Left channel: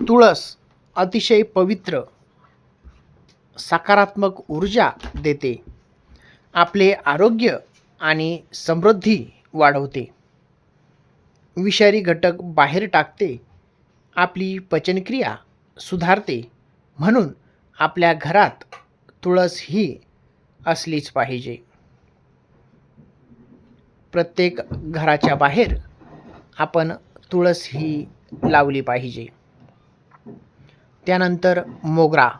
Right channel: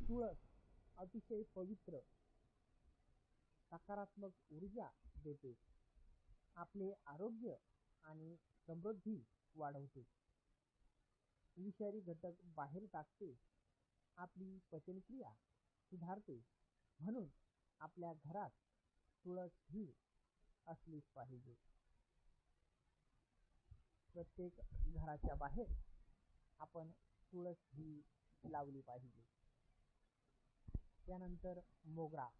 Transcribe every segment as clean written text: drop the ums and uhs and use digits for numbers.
तुळस अतिशय पवित्र, सकारात्मक ऊर्जा देते. आपले आरोग्य आणि समृद्धी वाढवते. विषारी घटक बाहेर टाकते. आपली पचनक्रिया सुधारते. म्हणून आपल्या घरात तुळस ही असलीच पाहिजे. प्रत्येक घराच्या बाहेर आपण तुळस ही लावली पाहिजे. त्यानंतर मोगरा.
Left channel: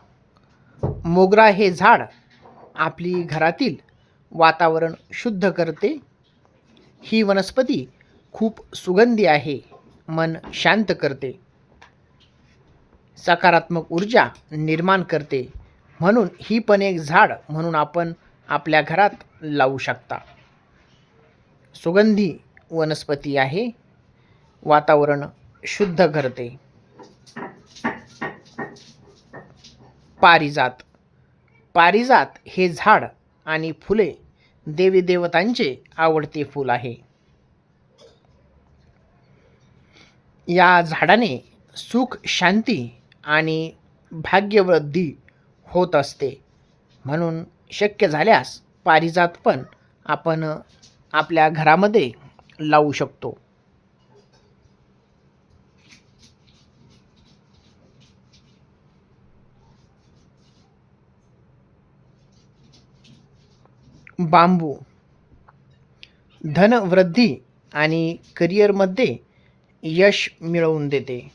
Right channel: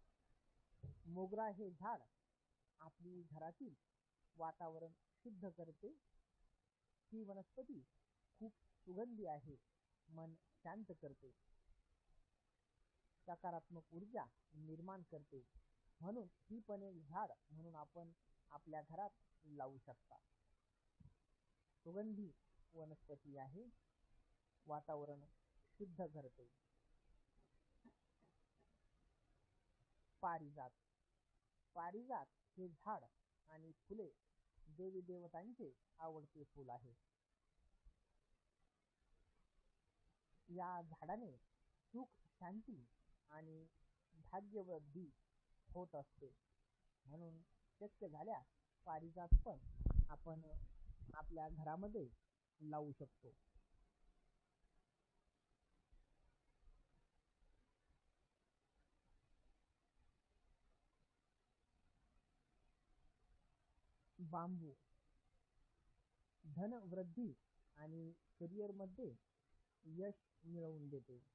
मोगरा हे झाड आपली घरातील वातावरण शुद्ध करते. ही वनस्पती खूप सुगंधी आहे. मन शांत करते. सकारात्मक ऊर्जा निर्माण करते. म्हणून ही पण एक झाड म्हणून आपण आपल्या घरात लावू शकता. सुगंधी वनस्पती आहे. वातावरण शुद्ध करते. पारिजात. पारिजात हे झाड आणि फुले देवी देवतांचे आवडते फूल आहे. या झाडाने सुख, शांती आणि भाग्यवृद्धी होत असते. म्हणून शक्य झाल्यास पारिजात पण आपण आपल्या घरामध्ये लावू शकतो. बांबू धनवृद्धी आणि करिअरमध्ये यश मिळवून देते.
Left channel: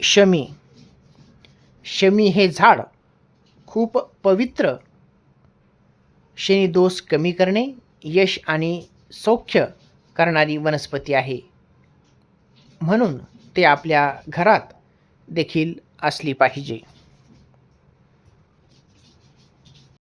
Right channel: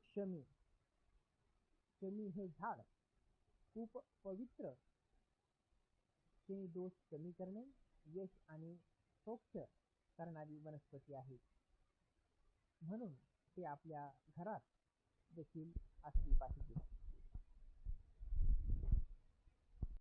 शमी. शमी हे झाड खूप पवित्र, शनी दोष कमी करणे, यश आणि सौख्य करणारी वनस्पती आहे. म्हणून ते आपल्या घरात देखील असली पाहिजे.